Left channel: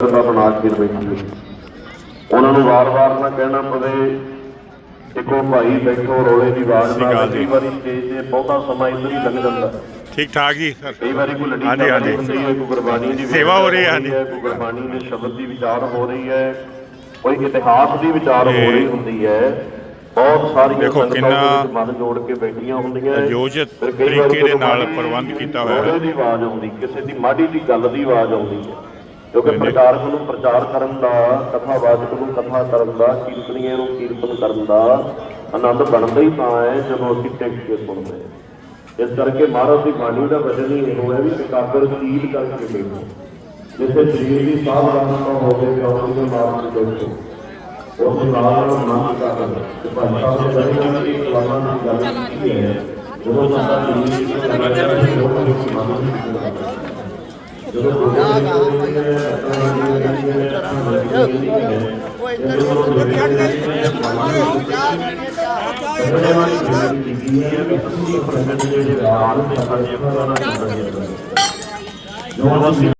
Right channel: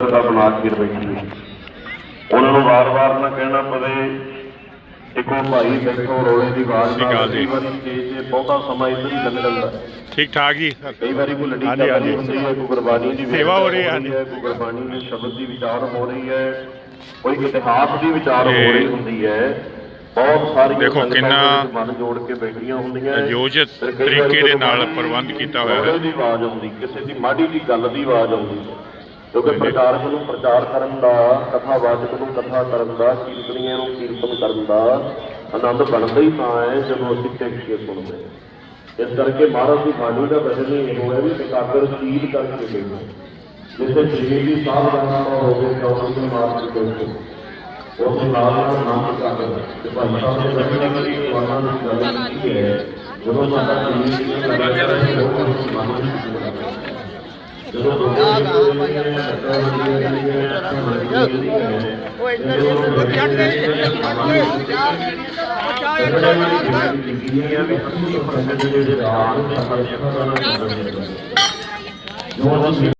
ਸਮਾਜ ਬੈਠੀ ਹੈ ਉਹਨਾਂ ਨੂੰ ਵਾਰ-ਵਾਰ ਨਾ ਕਹਿਣਾ ਪਵੇ ਇੱਕੋ ਭਾਈ ਬੈਠੋ ਰੋਲੇ ਦੀ ਆਵਾਜ਼ ਸਤਿ ਸ਼੍ਰੀ ਅਕਾਲ ਜੀ। ਸਟੇਜ ਤੇ ਬਹੁਤਾ ਸਮਾਂ ਇੱਧਰ ਹੀ ਲੱਗ ਜਾਂਦਾ ਠੀਕ ਠਾਕ ਜੀ ਸਰ ਕਈ ਵਾਰੀ ਕੋਈ ਲੱਡੀ ਹਾਂਜੀ, ਹਾਂਜੀ। ਹੈ, ਕੋਈ ਗੁਰਬਾਣੀ ਦੀ ਸੇਵਾ ਹੋ ਰਹੀ ਹੈ, ਹਾਂਜੀ। ਕੋਈ ਗੁਰਬਾਣੀ ਦੇ ਸ਼ਬਦ ਦੀ ਵਿਚਾਰ ਹੋ ਰਹੀ ਹੈ ਕੋਈ ਇਤਿਹਾਸ ਦੀ ਵਿਚਾਰ ਹੋ ਇਹ ਰਹੀ ਹੁੰਦੀ ਹੈ ਬਹੁਤ ਸਾਰੀਆਂ ਦੇਖੋ ਸੰਗਤਾਂ ਕਿੰਨਾ ਦੇ ਮਨ ਜੋੜ ਕੇ ਬੈਠੀਆਂ ਹੁੰਦੀਆਂ ਹੈ। ਆਯੋਜਿਤ ਫਿਰ ਕਈ ਵਾਰੀ ਤਰੀਕੇ ਦੇ ਨਾਲ ਗੁਰਬਾਣੀ ਪ੍ਰਬੰਧ ਕੀਤਾ ਹੋਇਆ ਹੈ। ਰੋਲੇ ਦੀ ਆਵਾਜ਼ ਆਉਂਦੀ ਕਿਸੇ ਦੀ ਮਾੜੀ ਦੀ ਗੱਲ ਦੀ ਆਵਾਜ਼ ਆਉਂਦੀ ਕਿਉਂਕਿ ਪ੍ਰਚਾਰਕ ਨੂੰ, ਪ੍ਰਚਾਰ ਕਰਨ ਦਾ ਕਥਾਵਾਚਕ ਨੂੰ, ਕਥਾ ਕਰਨ ਦਾ ਕੀਰਤਨੀਆਂ ਨੂੰ ਕੀਰਤਨ ਕਰਨ ਦਾ ਆਨੰਦ ਬਣਦਾ ਹੀ ਤਾਂ ਹੈ, ਜਦੋਂ ਅਸੀਂ ਟਿਕ ਕੇ ਸੁਣਦੇ ਹਾਂ। ਇਸ ਕਰਕੇ ਮਹਾਰਾਜ ਦੀ ਬਾਣੀ ਦਾ ਬਦਲ ਇਹ ਹੋਇਆ ਵੀ ਇਕਾਗਰ ਚੀਜ਼ ਕਰਕੇ ਬੈਠੋ ਜਿਸੇ ਸਰੀਰ ਦੀ ਸਾਵਧਾਨਤਾ ਹੋਵੇ ਕਿ ਉਹਨਾਂ ਦੇ ਮਾਰਗ ਤੇ ਬੈਠੋ ਉਸ ਦੇ ਨਾਲ ਨਾਲ ਮਨ ਦਾ ਕਰ ਤੇ ਭਾਈ ਸਾਹਿਬ ਨੇ ਬੜੀ ਇੱਕ ਵਾਰਾਂ ਦੀ ਗੱਲ ਕੀਤੀ ਹੈ। ਜਦੋਂ ਬੰਦਾ ਸਰੀਰ ਦੀ ਲੱਗਿਆ ਹੈ, ਉਹ ਉਸ ਮਨ ਨੂੰ ਜਦੋਂ ਬੋਲੇ ਜਾਂਦੇ ਨੇ ਅੱਖਾਂ ਹੁੰਦੀਆਂ ਨੇ ਅੱਖਾਂ ਬਣਦੀਆਂ ਨੇ ਜਦੋਂ ਉਹ ਬੋਲੇ ਜਾਂਦੇ ਨੇ ਸਮਾਨ ਨੂੰ ਸਿੱਖਦਾ ਹੈ ਬਹੁਤ